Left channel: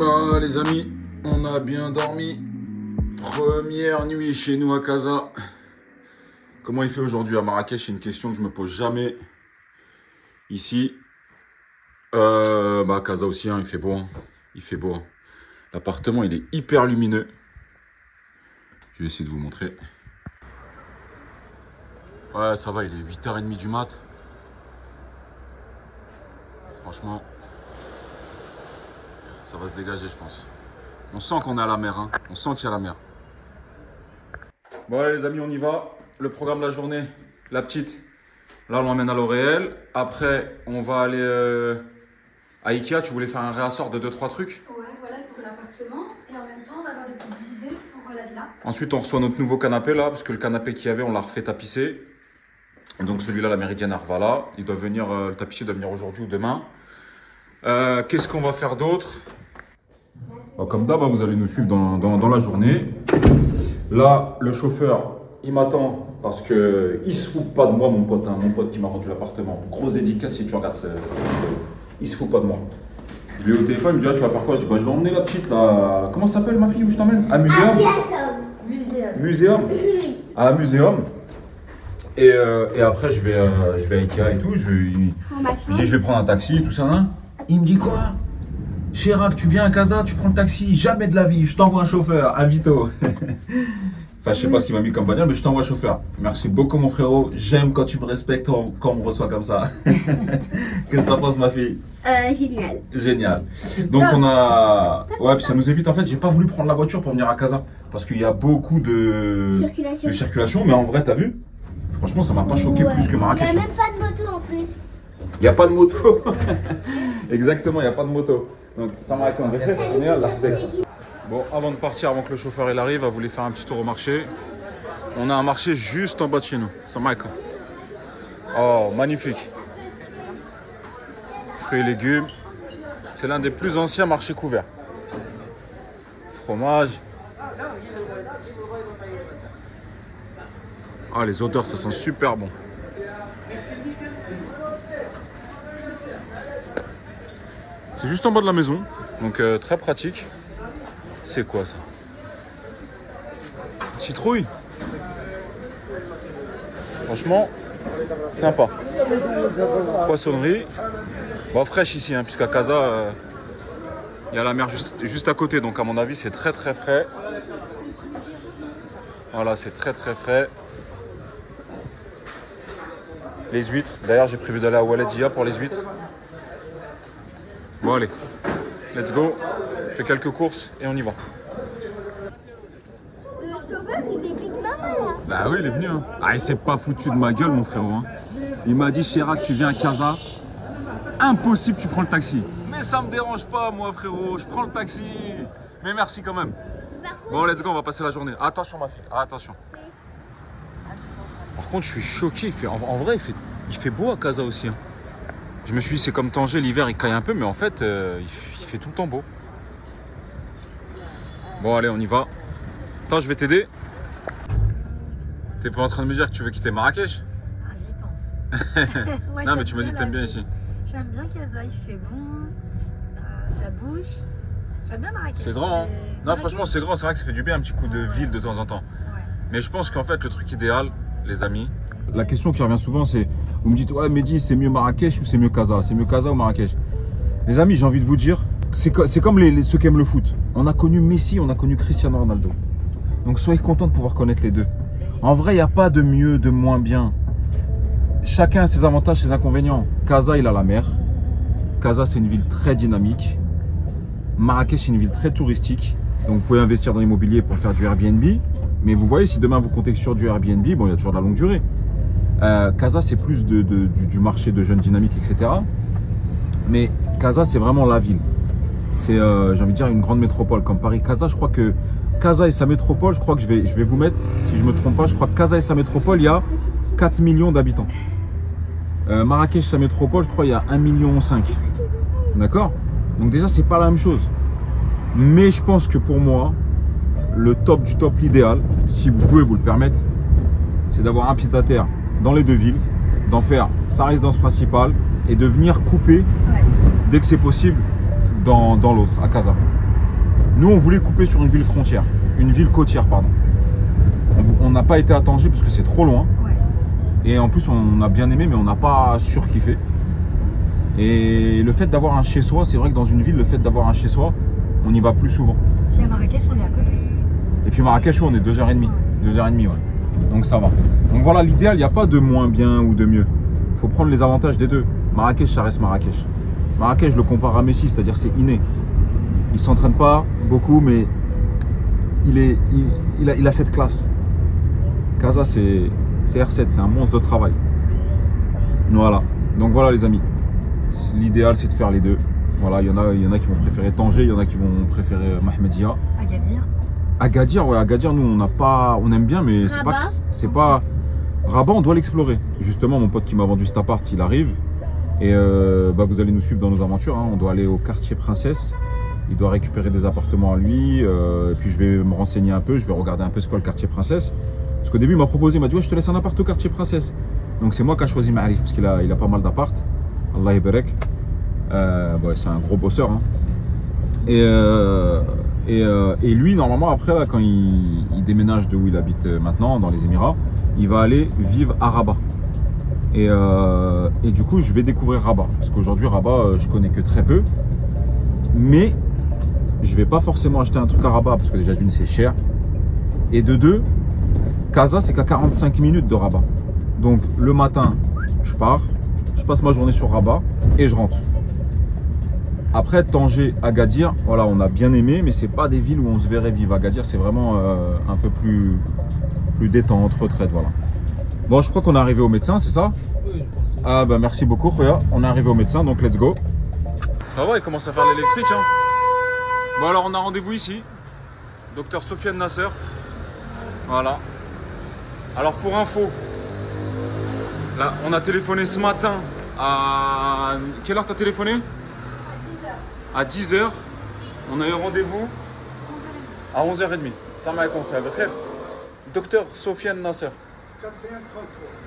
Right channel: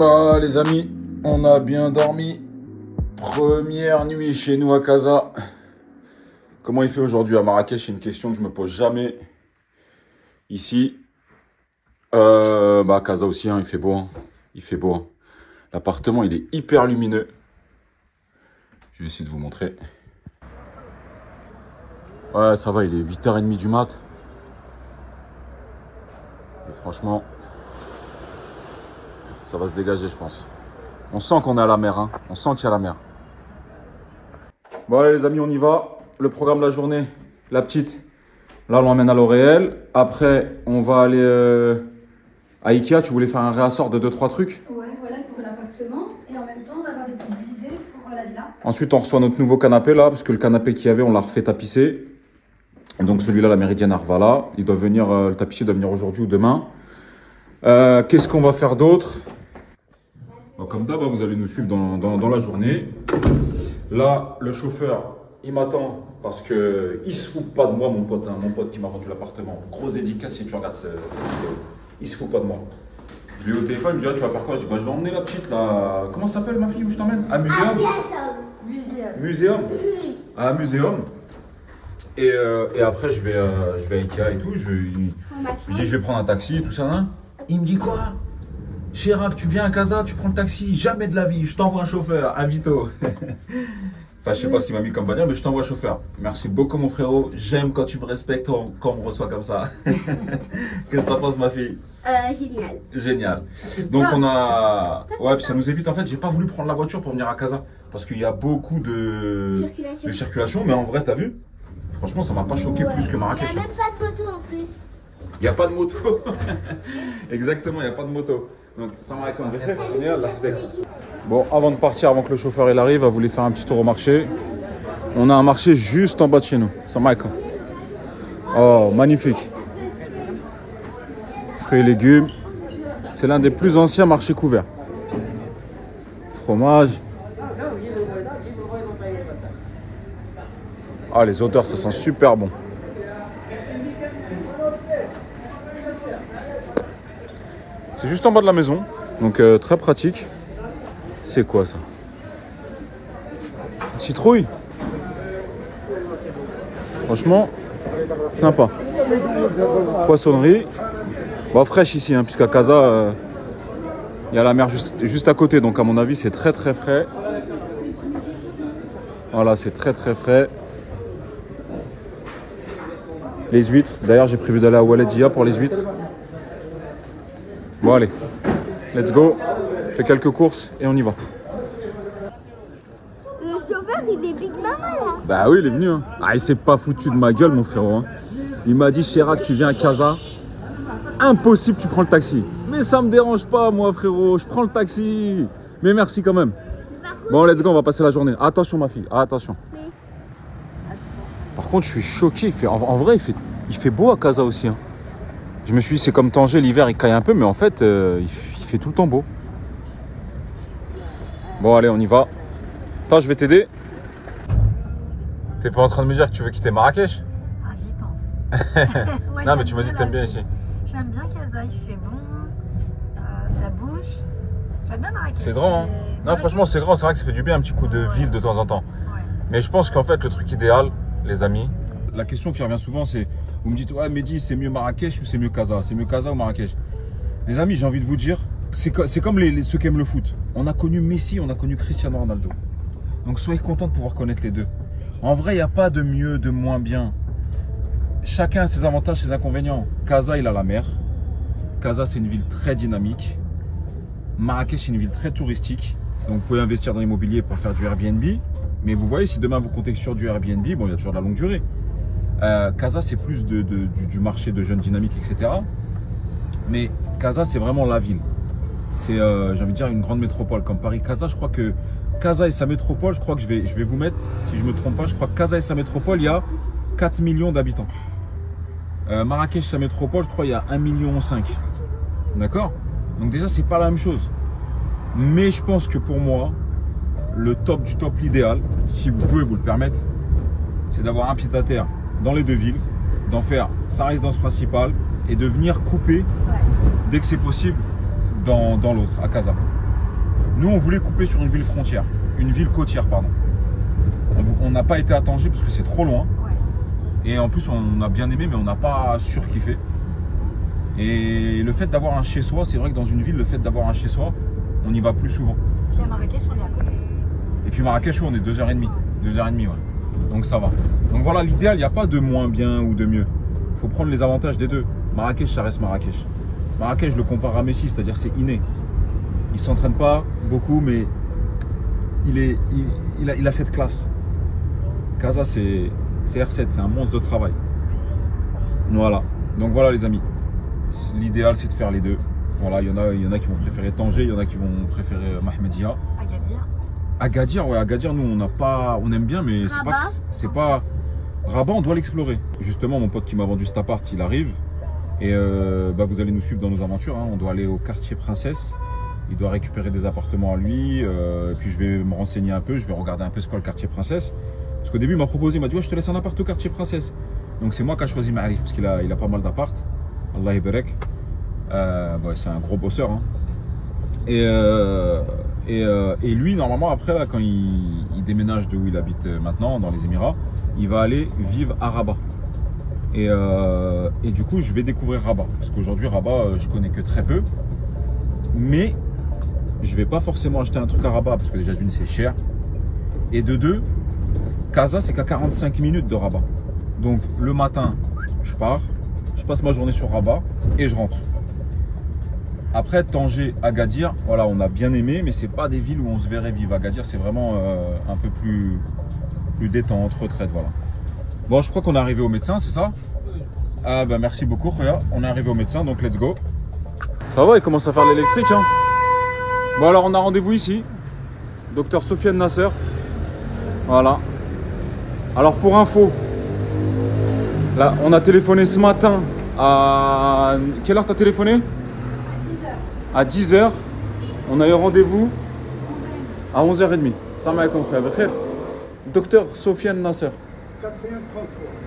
Bah les amis, on a bien dormi. Première nuit chez nous à Casa. Comment il fait aujourd'hui à Marrakech? C'est une question que je me pose jamais. Ici, à Casa aussi, hein, il fait beau. Hein. Il fait beau. Hein. L'appartement, il est hyper lumineux. Je vais essayer de vous montrer. Ouais, ça va, il est 8h30 du mat. Et franchement, ça va se dégager, je pense. On sent qu'on est à la mer, hein. On sent qu'il y a la mer. Bon, allez, les amis, on y va. Le programme de la journée, la petite. Là, on l'emmène à L'Oréal. Après, on va aller à Ikea. Tu voulais faire un réassort de 2-3 trucs? Ouais, voilà, pour l'appartement. Et en même temps, on va avoir des petites idées pour la villa. Ensuite, on reçoit notre nouveau canapé, là. Parce que le canapé qu'il y avait, on l'a refait tapisser. Et donc, celui-là, la Méridienne Arvala. Il doit venir, le tapissier doit venir aujourd'hui ou demain. Qu'est-ce qu'on va faire d'autre? Comme d'hab, vous allez nous suivre dans la journée. Là, le chauffeur, il m'attend parce que il se fout pas de moi, mon pote, hein, mon pote qui m'a rendu l'appartement. Grosse dédicace si tu regardes cette vidéo. Il se fout pas de moi. Je lui ai au téléphone, il me dit ah, tu vas faire quoi? Je dis bah je vais emmener la petite là. Comment ça s'appelle ma fille où je t'emmène? À Muséum. Muséum. À Muséum. Et après je vais à Ikea et tout. Je dis je vais prendre un taxi, tout ça. Hein. Il me dit quoi? Chirac, tu viens à Casa, tu prends le taxi, jamais de la vie, je t'envoie un chauffeur, un Vito. Enfin, je sais pas ce qu'il m'a mis comme bagnole, mais je t'envoie chauffeur. Merci beaucoup, mon frérot. J'aime quand tu me respectes, quand on me reçoit comme ça. Qu'est-ce que t'en penses, ma fille? Génial. Génial. Donc, on a. Ouais, puis ça nous évite. En fait, j'ai pas voulu prendre la voiture pour venir à Casa. Parce qu'il y a beaucoup de circulation. Mais en vrai, t'as vu? Franchement, ça m'a pas choqué plus que Marrakech. Il n'y a même pas de moto en plus. Il n'y a pas de moto. Exactement, il n'y a pas de moto. Donc, ça m'a été Bon, avant de partir, avant que le chauffeur il arrive, à voulu faire un petit tour au marché. On a un marché juste en bas de chez nous. Ça m'a été. Oh, magnifique. Fruits et légumes. C'est l'un des plus anciens marchés couverts. Fromage. Ah, les odeurs, ça sent super bon. C'est juste en bas de la maison, donc très pratique. C'est quoi ça? Citrouille. Franchement, sympa. Poissonnerie. Bon, fraîche ici, hein, puisqu'à Casa, il y a la mer juste à côté. Donc à mon avis, c'est très très frais. Voilà, c'est très très frais. Les huîtres. D'ailleurs, j'ai prévu d'aller à Waledia pour les huîtres. Bon allez, let's go, on fait quelques courses et on y va. Le chauffeur, il est vite pas mal, hein. Bah oui, il est venu. Hein. Ah, il s'est pas foutu de ma gueule, mon frérot. Hein. Il m'a dit, Chirac, tu viens à Casa. Impossible, tu prends le taxi. Mais ça me dérange pas, moi, frérot. Je prends le taxi. Mais merci quand même. Bon, let's go, on va passer la journée. Attention, ma fille. Ah, attention. Par contre, je suis choqué. En vrai, il fait beau à Casa aussi. Hein. Je me suis dit, c'est comme Tanger, l'hiver il caille un peu, mais en fait, il fait tout le temps beau. Bon, allez, on y va. Attends, je vais t'aider. T'es pas en train de me dire que tu veux quitter Marrakech? Ah, j'y pense. Ouais, non, mais tu m'as dit que t'aimes bien ici. J'aime bien Casa, il fait bon, ça bouge. J'aime bien Marrakech. C'est grand, hein? Non, franchement, c'est grand. C'est vrai que ça fait du bien un petit coup de ville de temps en temps. Ouais. Mais je pense qu'en fait, le truc idéal, les amis, la question qui revient souvent, c'est vous me dites, ouais, Mehdi, c'est mieux Marrakech ou c'est mieux Casa? C'est mieux Casa ou Marrakech? Les amis, j'ai envie de vous dire, c'est comme ceux qui aiment le foot. On a connu Messi, on a connu Cristiano Ronaldo. Donc soyez contents de pouvoir connaître les deux. En vrai, il n'y a pas de mieux, de moins bien. Chacun a ses avantages, ses inconvénients. Casa, il a la mer. Casa, c'est une ville très dynamique. Marrakech, c'est une ville très touristique. Donc vous pouvez investir dans l'immobilier pour faire du Airbnb. Mais vous voyez, si demain vous comptez sur du Airbnb, bon, il y a toujours de la longue durée. Casa, c'est plus du marché de jeunes dynamiques, etc. Mais Casa, c'est vraiment la ville. C'est, j'ai envie de dire, une grande métropole comme Paris. Casa, je crois que Casa et sa métropole, je crois que je vais vous mettre, si je ne me trompe pas, je crois que Casa et sa métropole, il y a 4 millions d'habitants. Marrakech, sa métropole, je crois qu'il y a 1,5 million. D'accord? Donc déjà, c'est pas la même chose. Mais je pense que pour moi, le top du top, l'idéal, si vous pouvez vous le permettre, c'est d'avoir un pied-à-terre dans les deux villes, d'en faire sa résidence principale et de venir couper dès que c'est possible dans l'autre, à Casa. Nous, on voulait couper sur une ville frontière, une ville côtière, pardon. On n'a pas été à Tanger parce que c'est trop loin. Ouais. Et en plus, on a bien aimé, mais on n'a pas surkiffé. Et le fait d'avoir un chez-soi, c'est vrai que dans une ville, le fait d'avoir un chez-soi, on y va plus souvent. Puis à Marrakech, on est à côté. Et puis Marrakech, on est 2h30. 2h30, ouais. Donc ça va. Donc voilà, l'idéal, il n'y a pas de moins bien ou de mieux. Il faut prendre les avantages des deux. Marrakech, ça reste Marrakech. Marrakech, je le compare à Messi, c'est-à-dire c'est inné. Il ne s'entraîne pas beaucoup, mais il a cette classe. Casa, c'est R7, c'est un monstre de travail. Voilà. Donc voilà les amis. L'idéal, c'est de faire les deux. Voilà, il y en a qui vont préférer Tanger, il y en a qui vont préférer Mahmedia. Agadir. Agadir, ouais, Agadir, nous on aime bien, mais c'est pas. Rabat, on doit l'explorer. Justement, mon pote qui m'a vendu cet appart, il arrive. Et vous allez nous suivre dans nos aventures. Hein. On doit aller au quartier Princesse. Il doit récupérer des appartements à lui. Et puis je vais me renseigner un peu. Je vais regarder un peu ce qu'est le quartier Princesse. Parce qu'au début, il m'a proposé, il m'a dit ouais, je te laisse un appart au quartier Princesse. Donc c'est moi qui ai choisi Ma'arif parce qu'il a pas mal d'appart. Allah yabarek. C'est un gros bosseur. Hein. Et lui, normalement, après, là, quand il déménage de où il habite maintenant, dans les Émirats, il va aller vivre à Rabat. Et du coup, je vais découvrir Rabat. Parce qu'aujourd'hui, Rabat, je connais que très peu. Mais je vais pas forcément acheter un truc à Rabat parce que déjà, d'une, c'est cher. Et de deux, Casa, c'est qu'à 45 minutes de Rabat. Donc, le matin, je pars, je passe ma journée sur Rabat et je rentre. Après, Tanger, Agadir, voilà, on a bien aimé, mais c'est pas des villes où on se verrait vivre. Agadir, c'est vraiment un peu plus détente, retraite, voilà. Bon, je crois qu'on est arrivé au médecin, c'est ça? Ah bah merci beaucoup, Khoya. On est arrivé au médecin, donc let's go. Ça va, il commence à faire l'électrique, hein. Bon alors, on a rendez-vous ici. Docteur Sofiane Nasser. Voilà. Alors pour info, là, on a téléphoné ce matin à... Quelle heure t'as téléphoné? À 10h. On a eu rendez-vous à 11h30. Salam alaikum, frère. Docteur Sofiane Nasser.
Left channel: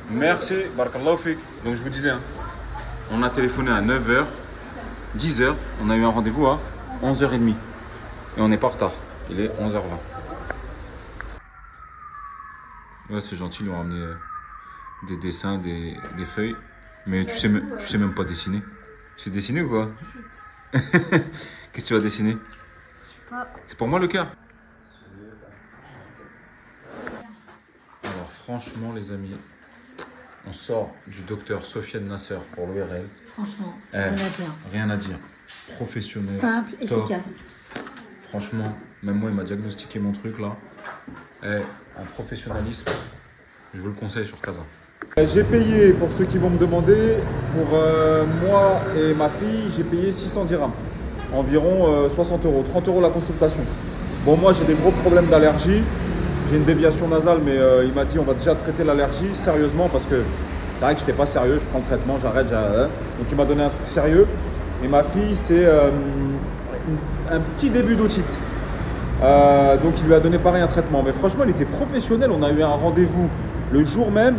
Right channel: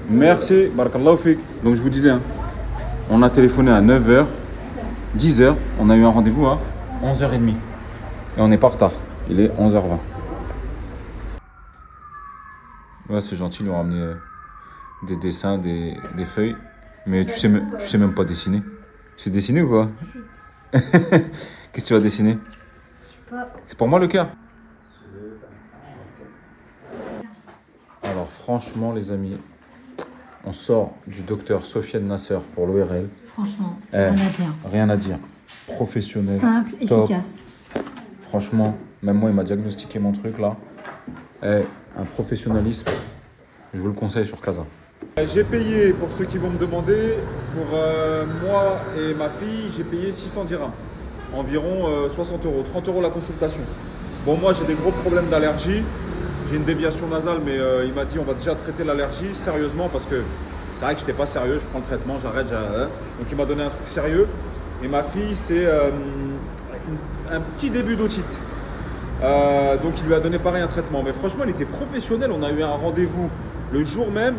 Merci, barakallahu fik. Donc je vous disais, hein, on a téléphoné à 9h, 10h, on a eu un rendez-vous à 11h30. Et on n'est pas en retard, il est 11h20. Ouais, c'est gentil, ils ont ramené des dessins, des feuilles. Mais tu sais même pas dessiner. Tu sais dessiner ou quoi? Qu'est-ce que tu vas dessiner? C'est pour moi le cœur. Alors franchement les amis, on sort du docteur Sofiane Nasser pour l'ORL. Franchement, rien à dire. Professionnel, simple, top. efficace. Franchement, même moi il m'a diagnostiqué mon truc là. Un professionnalisme, je vous le conseille sur Casa. J'ai payé, pour ceux qui vont me demander, pour moi et ma fille, j'ai payé 600 dirhams. Environ 60 €, 30 € la consultation. Bon, moi j'ai des gros problèmes d'allergie. J'ai une déviation nasale, mais il m'a dit on va déjà traiter l'allergie sérieusement parce que c'est vrai que j'étais pas sérieux. Je prends le traitement, j'arrête. Donc il m'a donné un truc sérieux. Et ma fille, c'est un petit début d'otite. Donc il lui a donné pareil un traitement. Mais franchement, il était professionnel. On a eu un rendez-vous le jour même.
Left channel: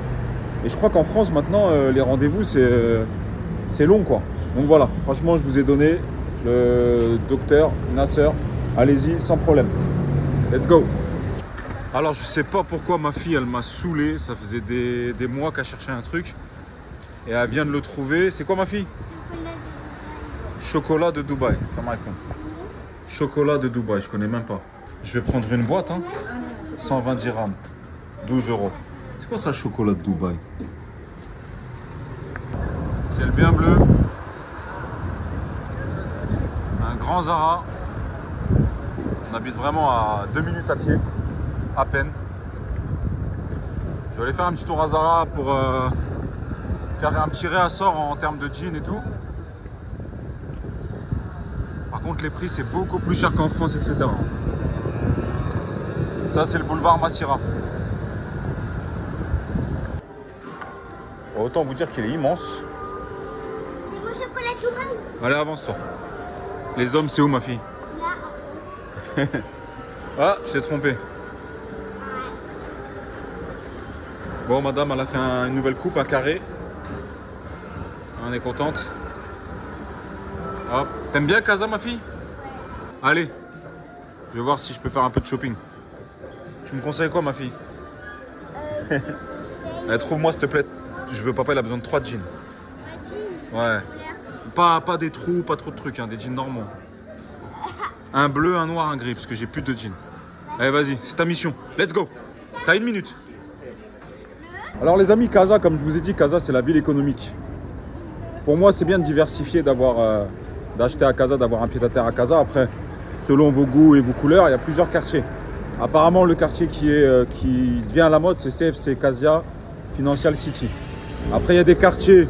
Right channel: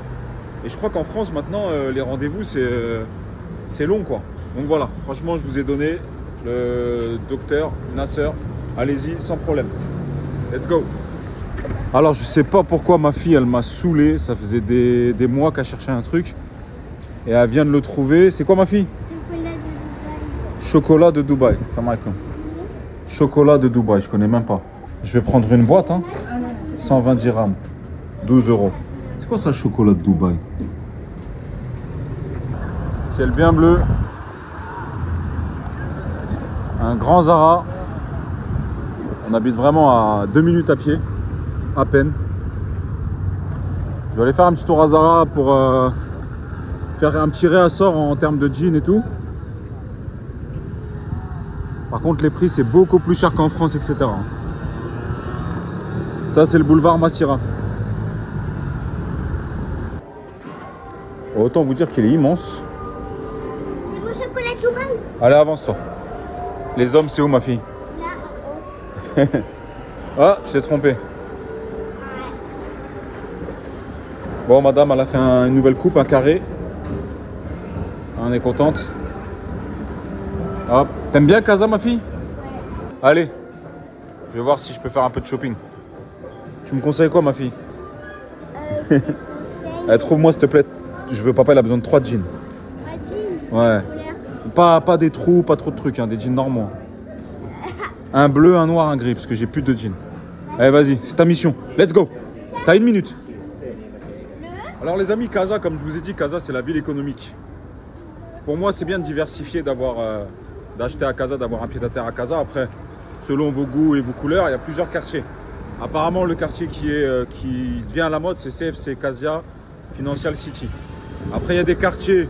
Et je crois qu'en France maintenant, les rendez-vous, c'est long quoi. Donc voilà, franchement, je vous ai donné le docteur Nasser. Allez-y, sans problème. Let's go. Alors, je sais pas pourquoi ma fille, elle m'a saoulé. Ça faisait des mois qu'elle cherchait un truc. Et elle vient de le trouver. C'est quoi ma fille? Chocolat de Dubaï. Ça marque. Chocolat de Dubaï, je connais même pas. Je vais prendre une boîte, hein. 120 dirhams. 12 €. C'est quoi ça, chocolat de Dubaï? Ciel bien bleu. Un grand Zara. On habite vraiment à 2 minutes à pied. À peine. Je vais aller faire un petit tour à Zara pour faire un petit réassort en termes de jeans et tout. Par contre, les prix, c'est beaucoup plus cher qu'en France, etc. Ça, c'est le boulevard Massira. Autant vous dire qu'il est immense. Mon chocolat Dubaï. Allez, avance-toi. Les hommes, c'est où, ma fille? Là, en haut. Ah, je t'ai trompé. Bon, madame, elle a fait une nouvelle coupe, un carré. On est contente. Hop. T'aimes bien Casa, ma fille? Allez. Je vais voir si je peux faire un peu de shopping. Tu me conseilles quoi, ma fille? Allez, trouve-moi, s'il te plaît. Je veux, papa, il a besoin de 3 jeans. Ouais. Pas des trous, pas trop de trucs, hein, des jeans normaux. Un bleu, un noir, un gris, parce que j'ai plus de jeans. Allez, vas-y, c'est ta mission. Let's go. T'as 1 minute. Alors, les amis, Casa, comme je vous ai dit, Casa, c'est la ville économique. Pour moi, c'est bien de diversifier, d'acheter à Casa, d'avoir un pied-à-terre à Casa. Après, selon vos goûts et vos couleurs, il y a plusieurs quartiers. Apparemment, le quartier qui devient à la mode, c'est CFC, Casia Financial City. Après, il y a des quartiers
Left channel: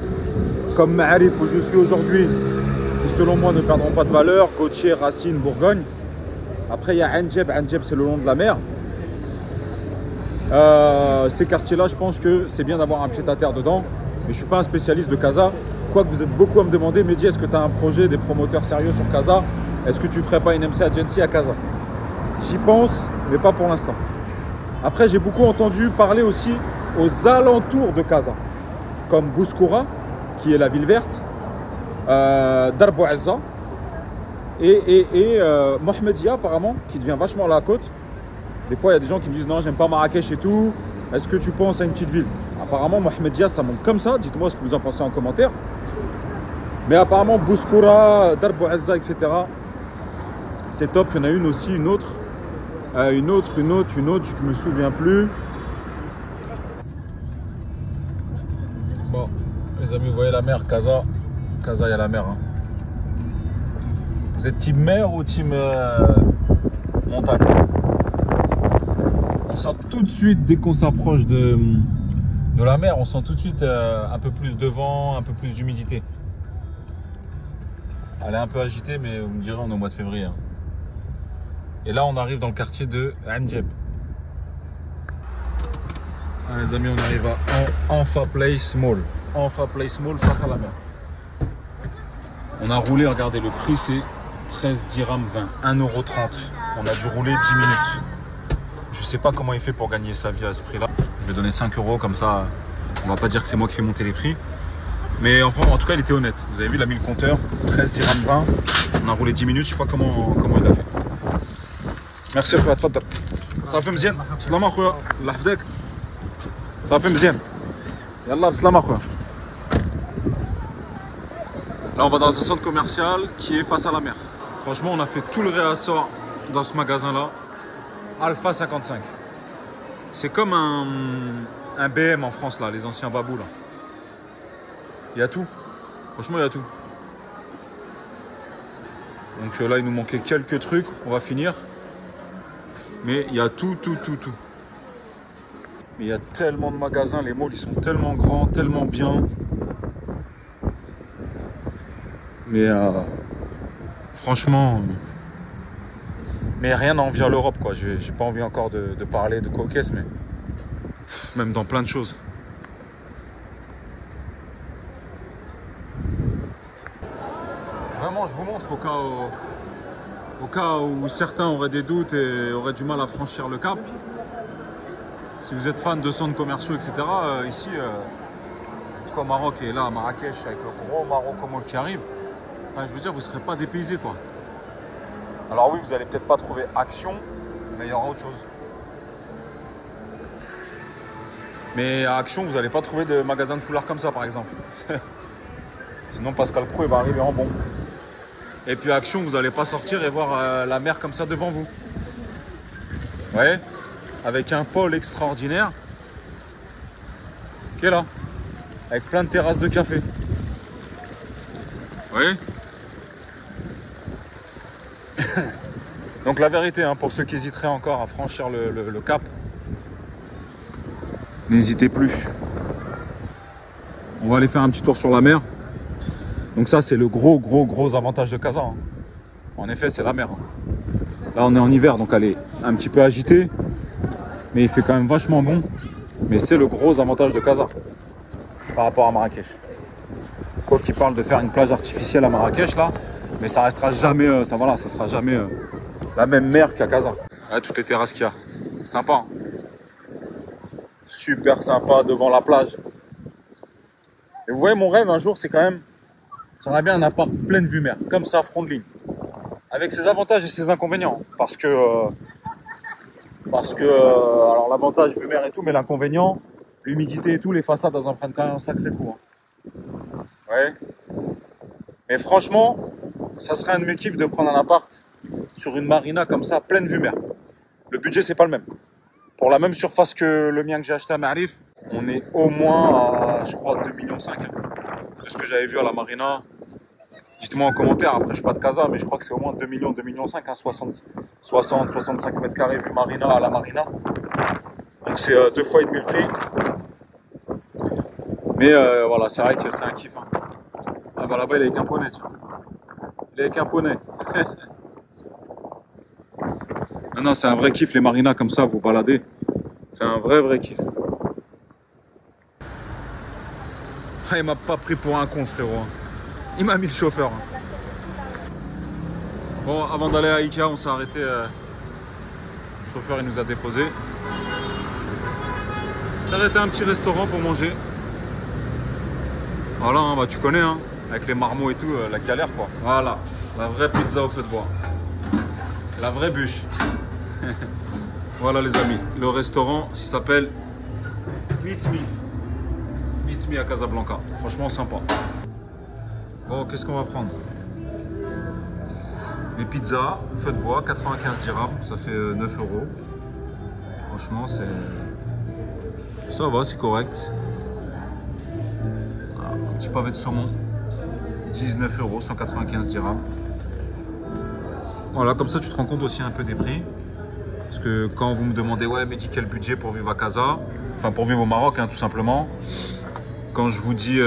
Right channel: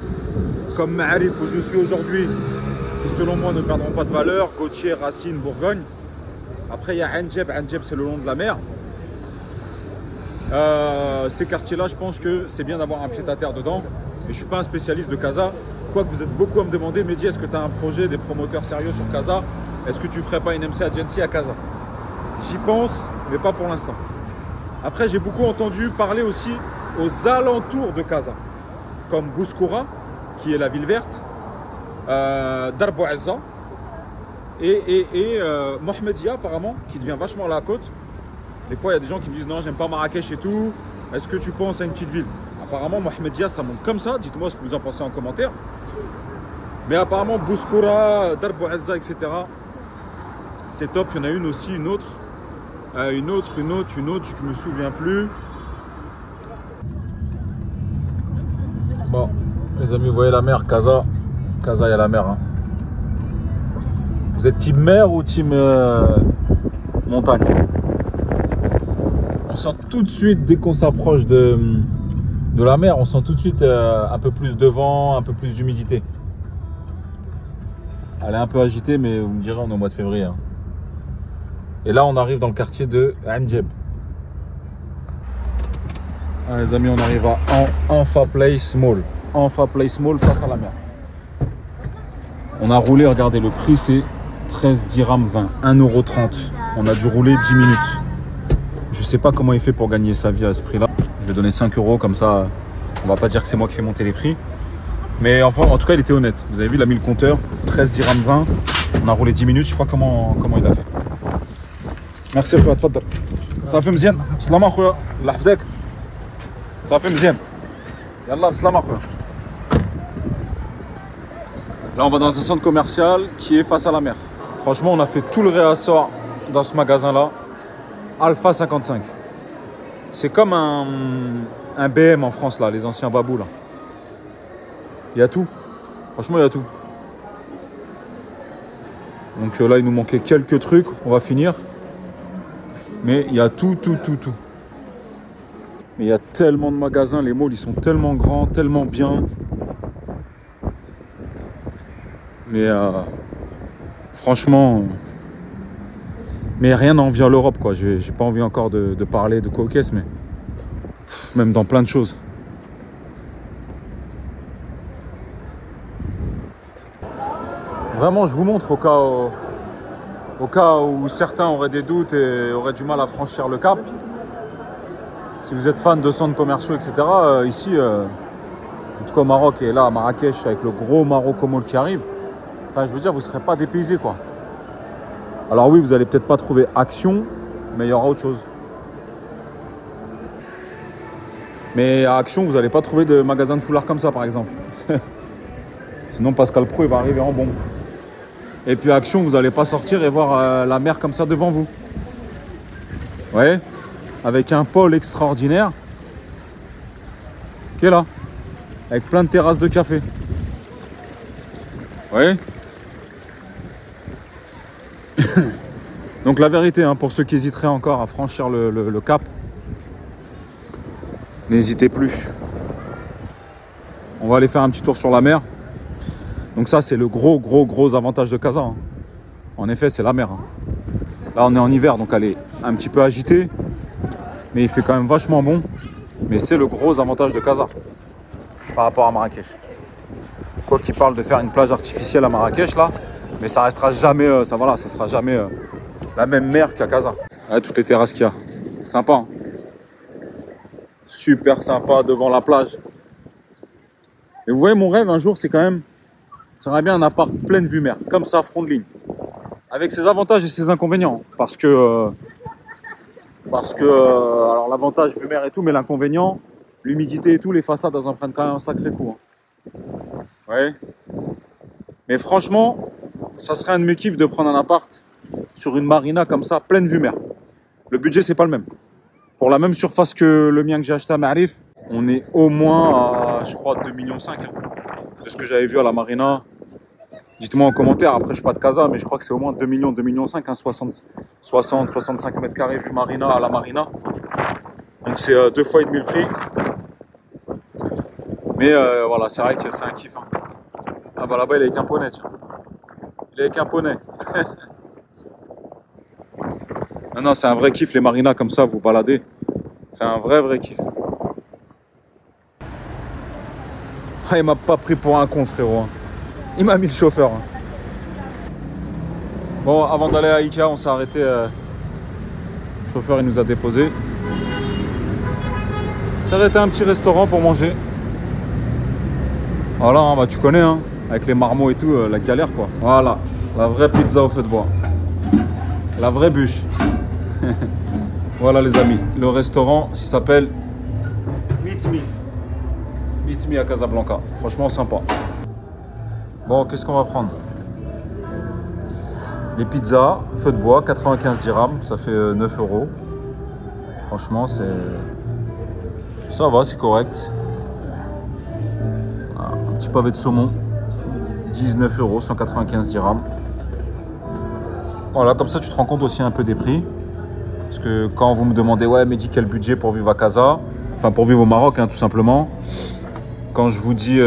comme Ma'arif, où je suis aujourd'hui, qui selon moi ne perdront pas de valeur. Gautier, Racine, Bourgogne. Après, il y a Anjeb. Anjeb, c'est le long de la mer. Ces quartiers-là, je pense que c'est bien d'avoir un pied-à-terre dedans. Mais je ne suis pas un spécialiste de Casa. Quoique vous êtes beaucoup à me demander, Mehdi, est-ce que tu as un projet, des promoteurs sérieux sur Casa? Est-ce que tu ne ferais pas une MC Agency à Casa? J'y pense, mais pas pour l'instant. Après, j'ai beaucoup entendu parler aussi aux alentours de Casa, comme Bouskoura, qui est la ville verte, Dar Bouazza et Mohamedia, apparemment, qui devient vachement la côte. Des fois, il y a des gens qui me disent non, j'aime pas Marrakech et tout. Est-ce que tu penses à une petite ville? Apparemment, Mohamedia, ça monte comme ça. Dites-moi ce que vous en pensez en commentaire. Mais apparemment, Bouskoura, Dar Bouazza, etc., c'est top. Il y en a une aussi, une autre, je me souviens plus. Bon, les amis, vous voyez la mer, Casa. Casa, il y a la mer. Hein. Vous êtes team mer ou team montagne? On sent tout de suite, dès qu'on s'approche de la mer, on sent tout de suite un peu plus de vent, un peu plus d'humidité. Elle est un peu agitée, mais vous me direz, on est au mois de février. Hein. Et là, on arrive dans le quartier de Anjeb. Ah, les amis, on arrive à Anfa Place Mall. Anfa Place Mall face à la mer. On a roulé, regardez, le prix c'est 13 dirhams 20, 1,30 €. On a dû rouler 10 minutes. Je sais pas comment il fait pour gagner sa vie à ce prix-là. Je vais donner 5 € comme ça, on va pas dire que c'est moi qui fais monter les prix. Mais enfin, en tout cas, il était honnête. Vous avez vu, il a mis le compteur, 13 dirhams 20. On a roulé 10 minutes, je sais pas comment il a fait. Merci, خويا تفضل. صافي مزيان. بسلامة خويا. الله يحفظك. صافي مزيان. يلا بسلامة خويا. Là, on va dans un centre commercial qui est face à la mer. Franchement, on a fait tout le réassort dans ce magasin-là. Alpha 55. C'est comme un BM en France, là, les anciens babous, là. Il y a tout. Franchement, il y a tout. Donc là, il nous manquait quelques trucs. On va finir. Mais il y a tout. Mais il y a tellement de magasins. Les malls, ils sont tellement grands, tellement bien. Mais franchement, mais rien n'envie à l'Europe, quoi. J'ai pas envie encore de parler de coquesse, mais même dans plein de choses. Vraiment, je vous montre au cas où certains auraient des doutes et auraient du mal à franchir le cap. Si vous êtes fan de centres commerciaux, etc., ici, en tout cas au Maroc et là à Marrakech, avec le gros Marocco Mall qui arrive, enfin, je veux dire, vous ne serez pas dépaysés, quoi. Alors oui, vous allez peut-être pas trouver Action, mais il y aura autre chose. Mais à Action, vous n'allez pas trouver de magasin de foulard comme ça, par exemple. Sinon, Pascal Pro, il va arriver en bombe. Et puis à Action, vous n'allez pas sortir et voir la mer comme ça devant vous. Vous voyez? Avec un pôle extraordinaire. Qui est là. Avec plein de terrasses de café. Vous voyez? Donc la vérité, hein, pour ceux qui hésiteraient encore à franchir le cap, n'hésitez plus. On va aller faire un petit tour sur la mer. Donc ça, c'est le gros avantage de Casa. Hein. En effet, c'est la mer. Hein. Là, on est en hiver, donc elle est un petit peu agitée. Mais il fait quand même vachement bon. Mais c'est le gros avantage de Casa par rapport à Marrakech. Quoi qu'il parle de faire une plage artificielle à Marrakech, là, mais ça restera jamais, ça sera jamais la même mer qu'à Casa. Ouais, toutes les terrasses qu'il y a. Sympa. Hein. Super sympa devant la plage. Et vous voyez, mon rêve un jour, c'est quand même, j'aimerais bien un appart pleine vue mer, comme ça, front de ligne. avec ses avantages et ses inconvénients. Parce que alors l'avantage lumière et tout, mais l'inconvénient, l'humidité et tout, les façades, elles en prennent quand même un sacré coup. Hein. Ouais. Mais franchement, ça serait un de mes kiffs de prendre un appart sur une marina comme ça, pleine vue mer. Le budget, c'est pas le même. Pour la même surface que le mien que j'ai acheté à Marif, on est au moins à, je crois, 2,5 millions. De ce que j'avais vu à la marina. Dites-moi en commentaire, après je suis pas de Casa, mais je crois que c'est au moins 2 millions, 2,5 millions, hein, 65 mètres carrés vue marina à la marina. Donc c'est 2 fois et demi le prix. Mais voilà, c'est vrai que c'est un kiff. Hein. Ah bah là-bas il est avec un poney, tiens. Il est avec un poney. Non, c'est un vrai kiff les marinas comme ça, vous baladez. C'est un vrai kiff. Ah, il m'a pas pris pour un con, frérot. Hein. Il m'a mis le chauffeur. Hein. Bon, avant d'aller à Ikea, on s'est arrêté. Le chauffeur, il nous a déposé. On s'est arrêté à un petit restaurant pour manger. Voilà, hein, bah tu connais, hein, avec les marmots et tout, la galère quoi. Voilà, la vraie pizza au feu de bois. La vraie bûche. Voilà les amis, le restaurant, il s'appelle Meet Me. Meet Me à Casablanca. Franchement sympa. Bon, qu'est-ce qu'on va prendre? Les pizzas, feu de bois, 95 dirhams, ça fait 9 €. Franchement, ça va, c'est correct. Un petit pavé de saumon, 19 €, 195 dirhams. Voilà, comme ça tu te rends compte aussi un peu des prix. Parce que quand vous me demandez, ouais, mais dis quel budget pour vivre à Casa, enfin pour vivre au Maroc, hein, tout simplement. Quand je vous dis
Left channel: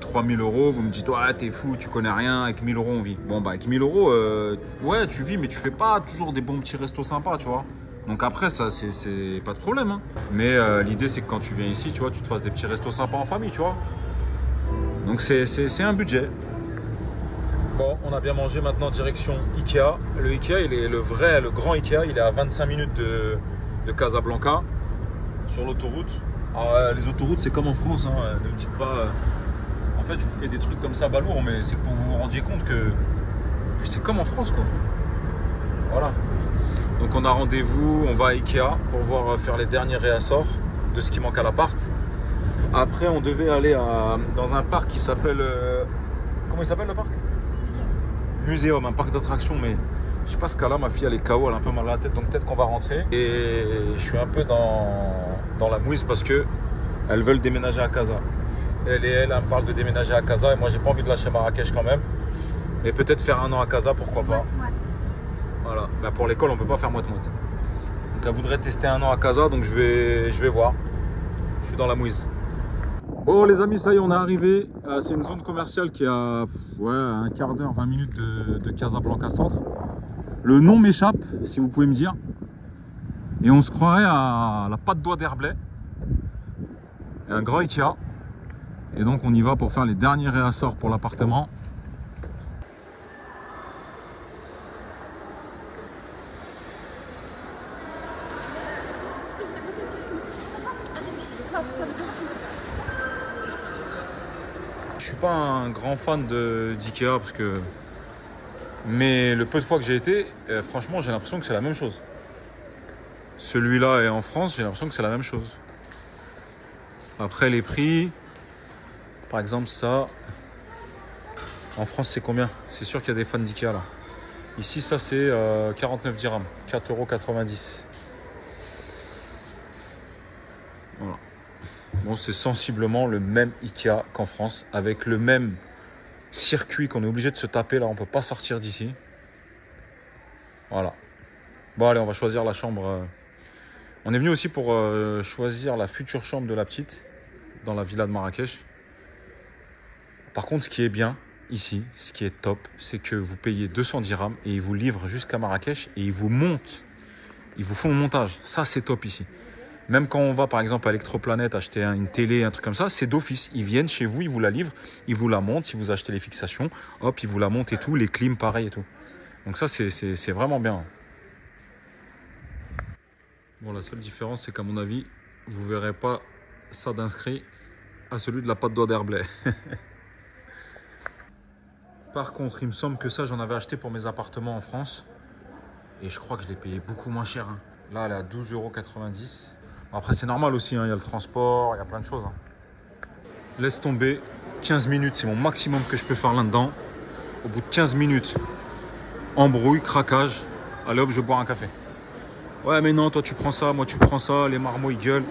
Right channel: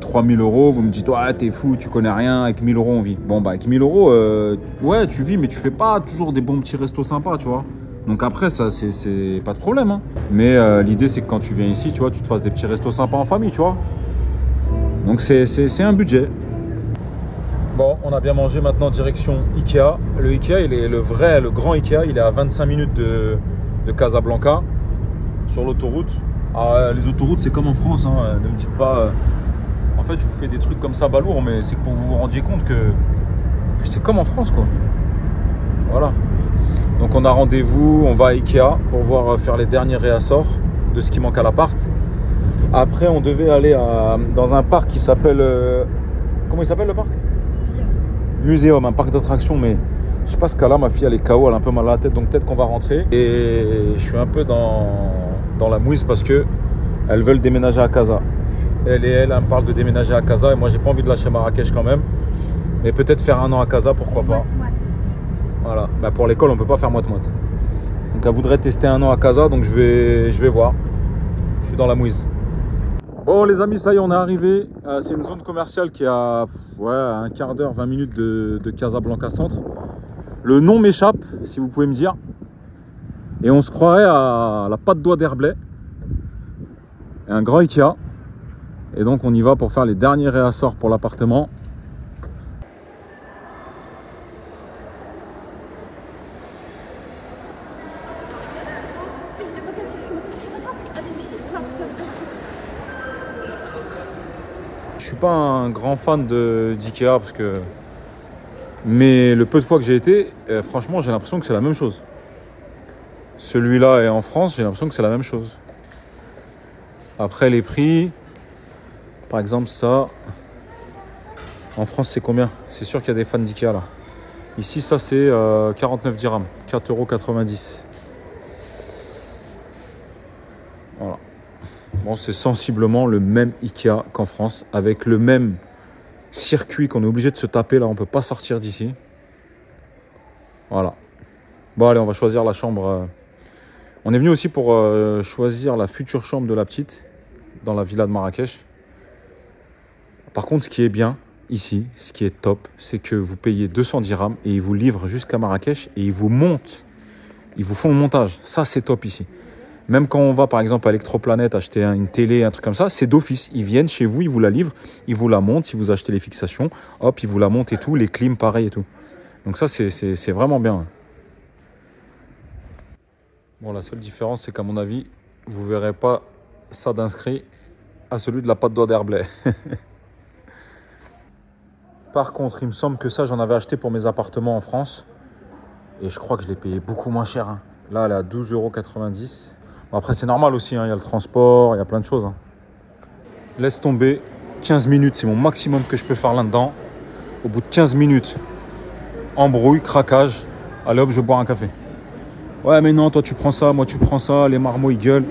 3000 €, vous me dites, ouais, t'es fou, tu connais rien, avec 1000 € on vit. Bon, bah, avec 1000 €, ouais, tu vis, mais tu fais pas toujours des bons petits restos sympas, tu vois. Donc après, ça, c'est pas de problème. Hein. Mais l'idée, c'est que quand tu viens ici, tu vois, tu te fasses des petits restos sympas en famille, tu vois. Donc c'est un budget. Bon, on a bien mangé, maintenant direction Ikea. Le Ikea, il est le grand Ikea, il est à 25 minutes de Casablanca, sur l'autoroute. Ah, les autoroutes, c'est comme en France, hein. Ne me dites pas... En fait, je vous fais des trucs comme ça balourds, mais c'est pour que vous vous rendiez compte que c'est comme en France, quoi. Voilà. Donc on a rendez-vous, on va à Ikea pour voir faire les derniers réassorts de ce qui manque à l'appart. Après, on devait aller dans un parc qui s'appelle... comment il s'appelle le parc? Muséum, un parc d'attractions, mais je sais pas ce cas-là, ma fille elle est KO, elle a un peu mal à la tête, donc peut-être qu'on va rentrer. Et je suis un peu dans la mouise parce que elles veulent déménager à Casa. Elle me parle de déménager à Casa et moi j'ai pas envie de lâcher Marrakech quand même. Mais peut-être faire 1 an à Casa, pourquoi pas. Voilà, bah, pour l'école on peut pas faire moite-moite. Donc elle voudrait tester 1 an à Casa, donc je vais voir. Je suis dans la mouise. Bon les amis, ça y est, on est arrivé. C'est une zone commerciale qui est à un quart d'heure, 20 minutes de Casablanca Centre. Le nom m'échappe, si vous pouvez me dire. Et on se croirait à la patte d'oie d'Herblay. Et un grand Ikea. Et donc on y va pour faire les derniers réassorts pour l'appartement. Je suis pas un grand fan d'Ikea parce que... Mais le peu de fois que j'ai été, franchement j'ai l'impression que c'est la même chose. Celui-là est en France, j'ai l'impression que c'est la même chose. Après les prix, par exemple ça, en France c'est combien? C'est sûr qu'il y a des fans d'Ikea là. Ici ça c'est 49 dirhams, 4,90 €. Voilà. Bon, c'est sensiblement le même Ikea qu'en France, avec le même circuit qu'on est obligé de se taper là, on peut pas sortir d'ici. Voilà. Bon allez, on va choisir la chambre. On est venu aussi pour choisir la future chambre de la petite dans la villa de Marrakech. Par contre, ce qui est bien ici, ce qui est top, c'est que vous payez 200 dirhams et ils vous livrent jusqu'à Marrakech et ils vous montent. Ils vous font le montage. Ça, c'est top ici. Même quand on va par exemple à Electroplanet acheter une télé, un truc comme ça, c'est d'office. Ils viennent chez vous, ils vous la livrent, ils vous la montent. Si vous achetez les fixations, hop, ils vous la montent et tout. Les clims, pareil et tout. Donc ça, c'est vraiment bien. Bon, la seule différence, c'est qu'à mon avis, vous verrez pas ça d'inscrit à celui de la patte d'oie d'Herblay. Par contre, il me semble que ça, j'en avais acheté pour mes appartements en France. Et je crois que je l'ai payé beaucoup moins cher. Hein. Là, elle est à 12,90 €. Bon, après, c'est normal aussi. Hein. Il y a le transport, il y a plein de choses. Hein. Laisse tomber. 15 minutes, c'est mon maximum que je peux faire là-dedans. Au bout de 15 minutes, embrouille, craquage. Allez hop, je vais boire un café. Ouais, mais non, toi, tu prends ça, moi, tu prends ça. Les marmots, ils gueulent.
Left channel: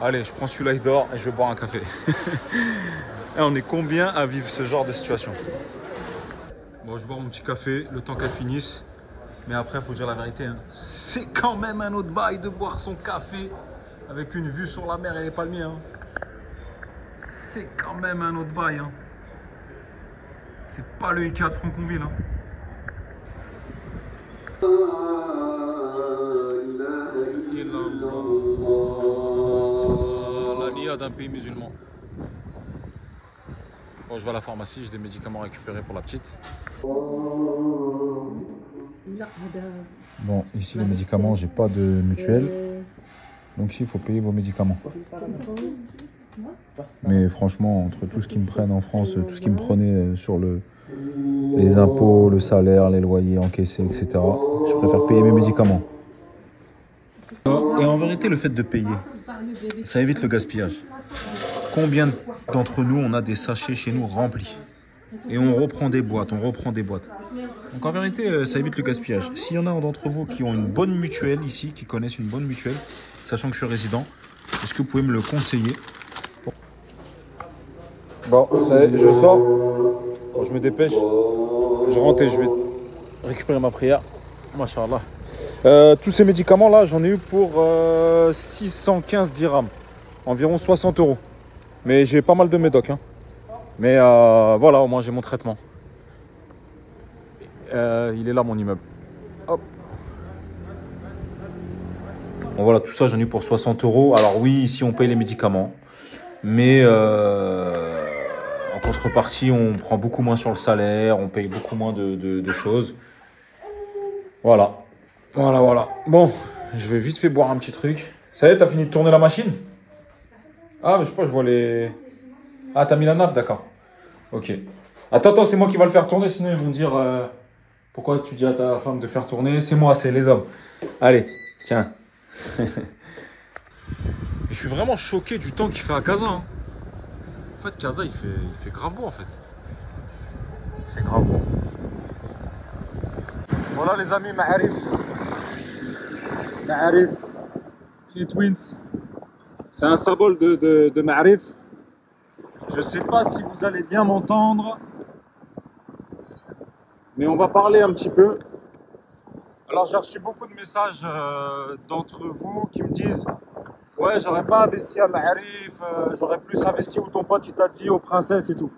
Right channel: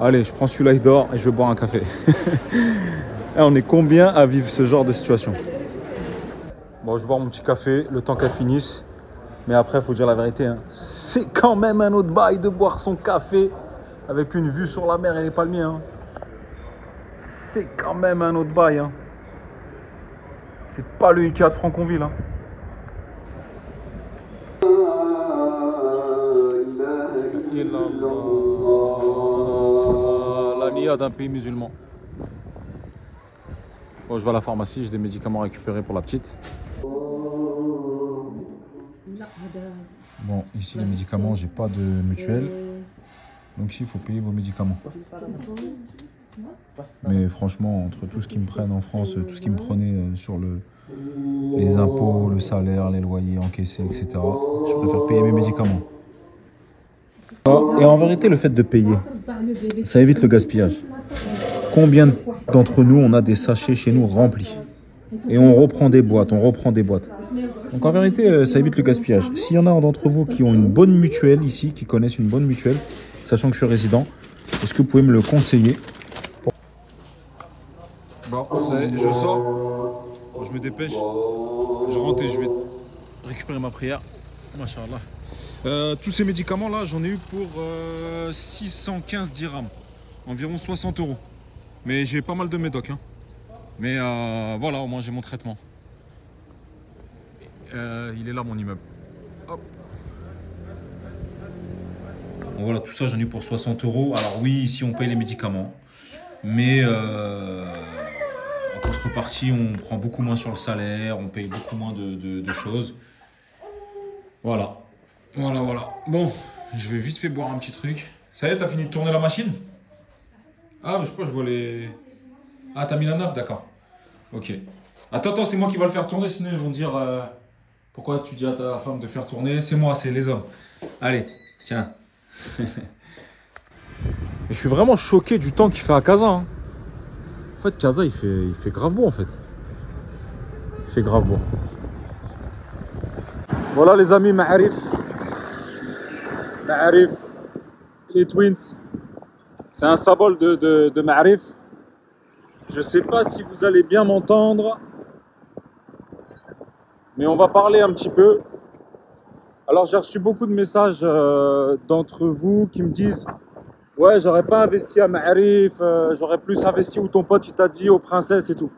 Allez, je prends celui-là, il dort et je vais boire un café. Et on est combien à vivre ce genre de situation? Bon, je vais boire mon petit café, le temps qu'elle finisse. Mais après, il faut dire la vérité. Hein. C'est quand même un autre bail de boire son café avec une vue sur la mer et les palmiers. Hein. C'est quand même un autre bail. Hein. C'est pas le Ikea de Franconville. Hein. La nia d'un pays musulman. Bon, je vais à la pharmacie, j'ai des médicaments récupérés pour la petite. Bon, ici les médicaments, j'ai pas de mutuelle. Donc ici, il faut payer vos médicaments. Mais franchement, entre tout ce qu'ils me prennent en France, tout ce qu'ils me prenaient sur les impôts, le salaire, les loyers encaissés, etc., je préfère payer mes médicaments. Et en vérité, le fait de payer, ça évite le gaspillage. Combien d'entre nous, on a des sachets chez nous remplis? Et on reprend des boîtes, on reprend des boîtes. Donc en vérité, ça évite le gaspillage. S'il y en a d'entre vous qui ont une bonne mutuelle ici, qui connaissent une bonne mutuelle, sachant que je suis résident, est-ce que vous pouvez me le conseiller? Bon, ça y est, je sors. Bon, je me dépêche. Je rentre et je vais récupérer ma prière. Masha'Allah. Tous ces médicaments-là, j'en ai eu pour 615 dirhams. Environ 60 €. Mais j'ai pas mal de médocs. Hein. Mais voilà, au moins j'ai mon traitement. Il est là, mon immeuble. Hop. Bon, voilà, tout ça, j'en ai eu pour 60 €. Alors oui, ici, on paye les médicaments. Mais en contrepartie, on prend beaucoup moins sur le salaire. On paye beaucoup moins de choses. Voilà. Voilà. Bon, je vais vite fait boire un petit truc. Ça y est, t'as fini de tourner la machine? Ah, mais je sais pas, je vois les... Ah, t'as mis la nappe, d'accord. Ok. Attends, c'est moi qui va le faire tourner, sinon ils vont dire... pourquoi tu dis à ta femme de faire tourner? C'est moi, c'est les hommes. Allez, tiens. Et je suis vraiment choqué du temps qu'il fait à Casa. Hein. En fait, Casa, il fait grave beau, en fait. Il fait grave beau. Voilà, les amis, Ma'arif. Ma'arif. Les Twins. C'est un symbole de Ma'arif. Je ne sais pas si vous allez bien m'entendre. Mais on va parler un petit peu. Alors j'ai reçu beaucoup de messages d'entre vous qui me disent: ouais, j'aurais pas investi à Ma'arif, j'aurais plus investi où ton pote il t'a dit, aux princesses et tout.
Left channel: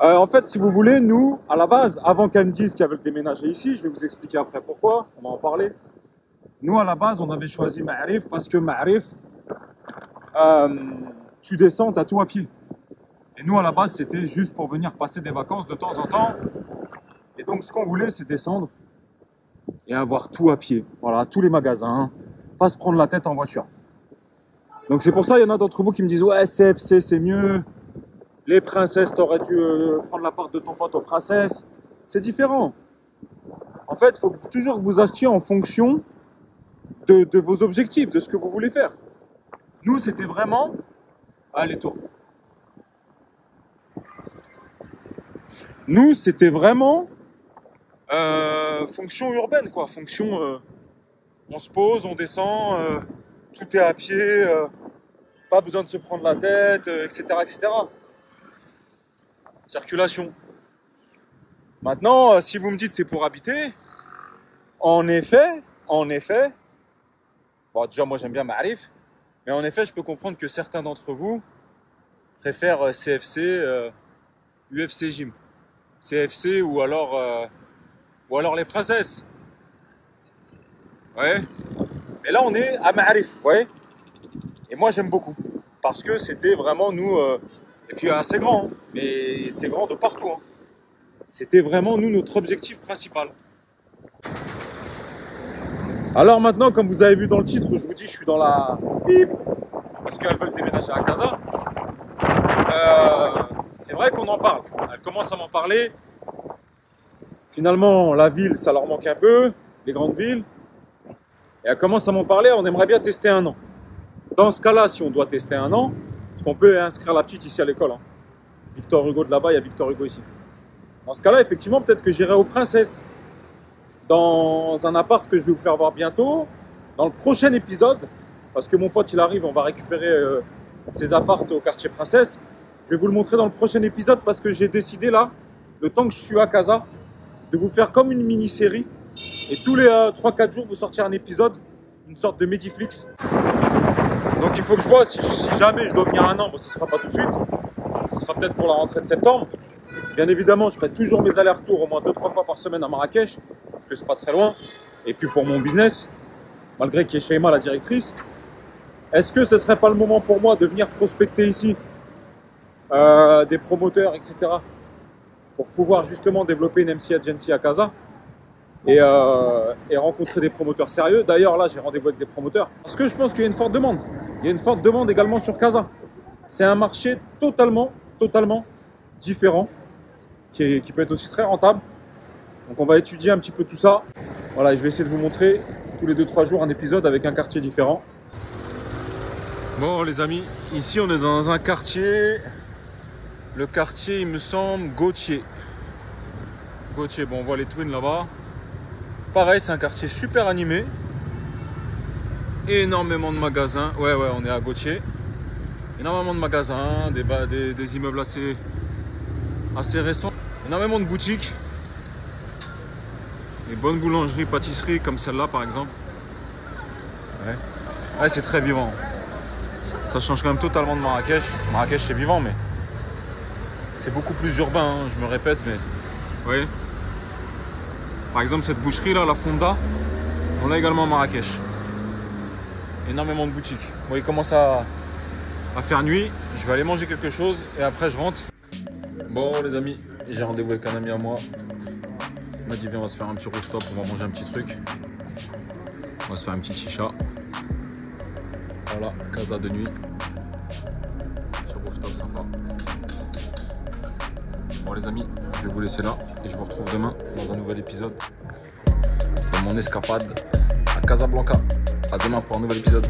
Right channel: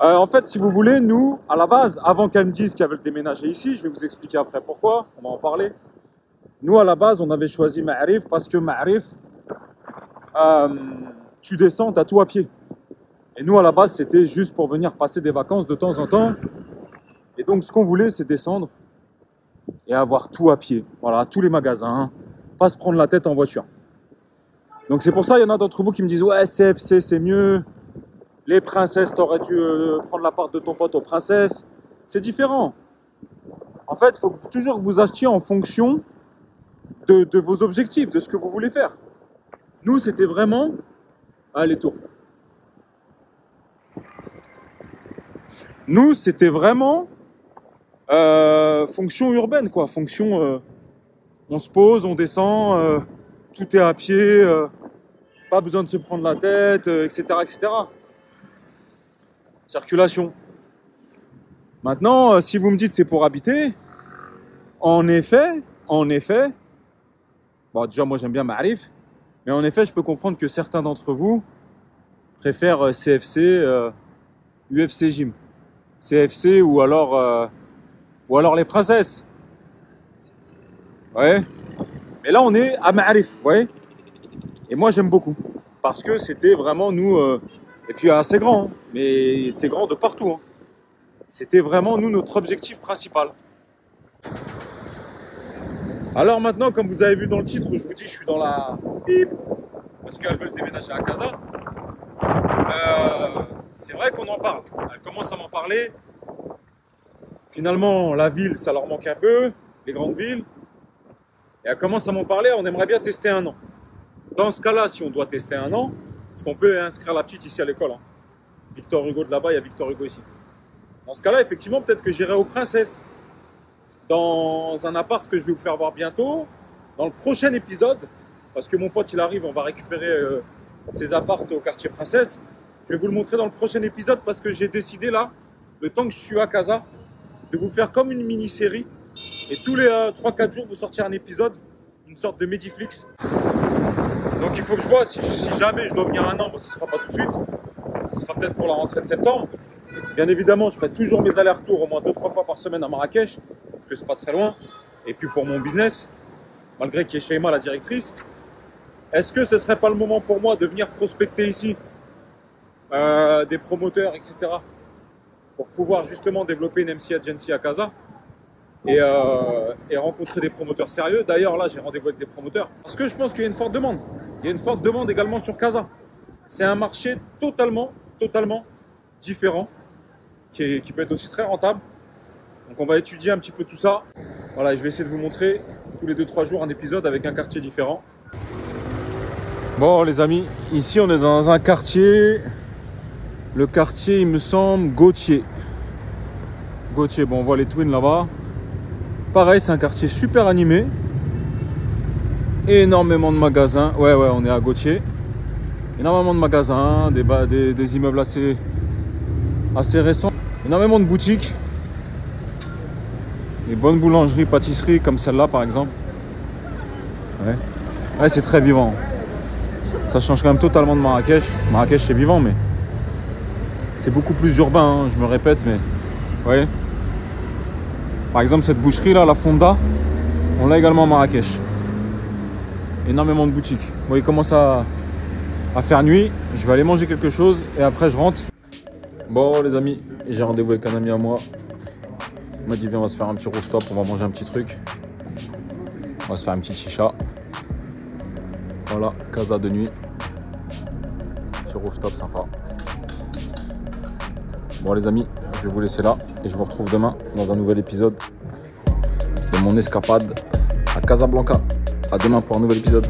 En fait, si vous voulez, nous, à la base, avant qu'elle me dise qu'elle veut déménager ici, je vais vous expliquer après pourquoi, on va en parler. Nous, à la base, on avait choisi Ma'arif parce que Ma'arif, tu descends, t'as tout à pied. Et nous, à la base, c'était juste pour venir passer des vacances de temps en temps. Et donc, ce qu'on voulait, c'est descendre et avoir tout à pied. Voilà, tous les magasins, pas se prendre la tête en voiture. Donc, c'est pour ça, il y en a d'entre vous qui me disent: ouais, CFC, c'est mieux. Les princesses, t'aurais dû prendre la part de ton pote aux princesses. C'est différent. En fait, il faut toujours que vous achetiez en fonction de vos objectifs, de ce que vous voulez faire. Nous, c'était vraiment... Ah, les tours. Nous, c'était vraiment fonction urbaine, quoi. Fonction, on se pose, on descend, tout est à pied, pas besoin de se prendre la tête, etc., etc. Circulation. Maintenant, si vous me dites c'est pour habiter, en effet, bon, déjà moi j'aime bien Ma'arif, mais en effet, je peux comprendre que certains d'entre vous préfèrent CFC, UFC Gym. CFC ou alors les princesses. Ouais. Et là on est à Ma'arif, ouais. Et moi j'aime beaucoup parce que c'était vraiment nous et puis assez grand, hein, mais c'est grand de partout. Hein. C'était vraiment nous notre objectif principal. Alors maintenant, comme vous avez vu dans le titre, je vous dis je suis dans la bip parce qu'elles veulent déménager à Casa. c'est vrai qu'on en parle. Elle commence à m'en parler. Finalement, la ville, ça leur manque un peu, les grandes villes. Et elle commence à m'en parler, on aimerait bien tester 1 an. Dans ce cas-là, si on doit tester 1 an, parce qu'on peut inscrire la petite ici à l'école. Hein. Victor Hugo de là-bas, il y a Victor Hugo ici. Dans ce cas-là, effectivement, peut-être que j'irai aux Princesses. Dans un appart que je vais vous faire voir bientôt, dans le prochain épisode, parce que mon pote il arrive, on va récupérer ses apparts au quartier Princesse. Je vais vous le montrer dans le prochain épisode parce que j'ai décidé là, le temps que je suis à Casa, de vous faire comme une mini-série. Et tous les 3-4 jours, vous sortir un épisode, une sorte de Mediflix. Donc il faut que je vois si jamais je dois venir 1 an, bon ça ne sera pas tout de suite. Ce sera peut-être pour la rentrée de septembre. Bien évidemment, je ferai toujours mes allers-retours au moins 2-3 fois par semaine à Marrakech, parce que c'est pas très loin. Et puis pour mon business, malgré qu'il y ait Sheima, la directrice, est-ce que ce serait pas le moment pour moi de venir prospecter ici des promoteurs, etc. pour pouvoir justement développer une MC Agency à Casa et rencontrer des promoteurs sérieux. D'ailleurs, là, j'ai rendez-vous avec des promoteurs parce que je pense qu'il y a une forte demande. Il y a une forte demande également sur Casa. C'est un marché totalement différent qui peut être aussi très rentable. Donc on va étudier un petit peu tout ça. Voilà, je vais essayer de vous montrer tous les 2-3 jours un épisode avec un quartier différent. Bon les amis, ici on est dans un quartier, le quartier il me semble Gauthier. Gauthier, bon on voit les Twins là-bas. Pareil, c'est un quartier super animé. Énormément de magasins, ouais on est à Gauthier. Énormément de magasins, des immeubles assez récents. Énormément de boutiques. Des bonnes boulangeries, pâtisseries comme celle-là par exemple. Ouais, c'est très vivant. Ça change quand même totalement de Marrakech. Marrakech c'est vivant mais c'est beaucoup plus urbain, hein, je me répète mais... Vous voyez ? Par exemple cette boucherie là, la Fonda, on l'a également à Marrakech. Énormément de boutiques. Bon, il commence à faire nuit, je vais aller manger quelque chose et après je rentre. Bon les amis, j'ai rendez-vous avec un ami à moi. Il m'a dit viens on va se faire un petit rooftop, on va manger un petit truc. On va se faire un petit chicha. Voilà, Casa de nuit. Petit rooftop sympa. Bon les amis, je vais vous laisser là et je vous retrouve demain dans un nouvel épisode de mon escapade à Casablanca. À demain pour un nouvel épisode.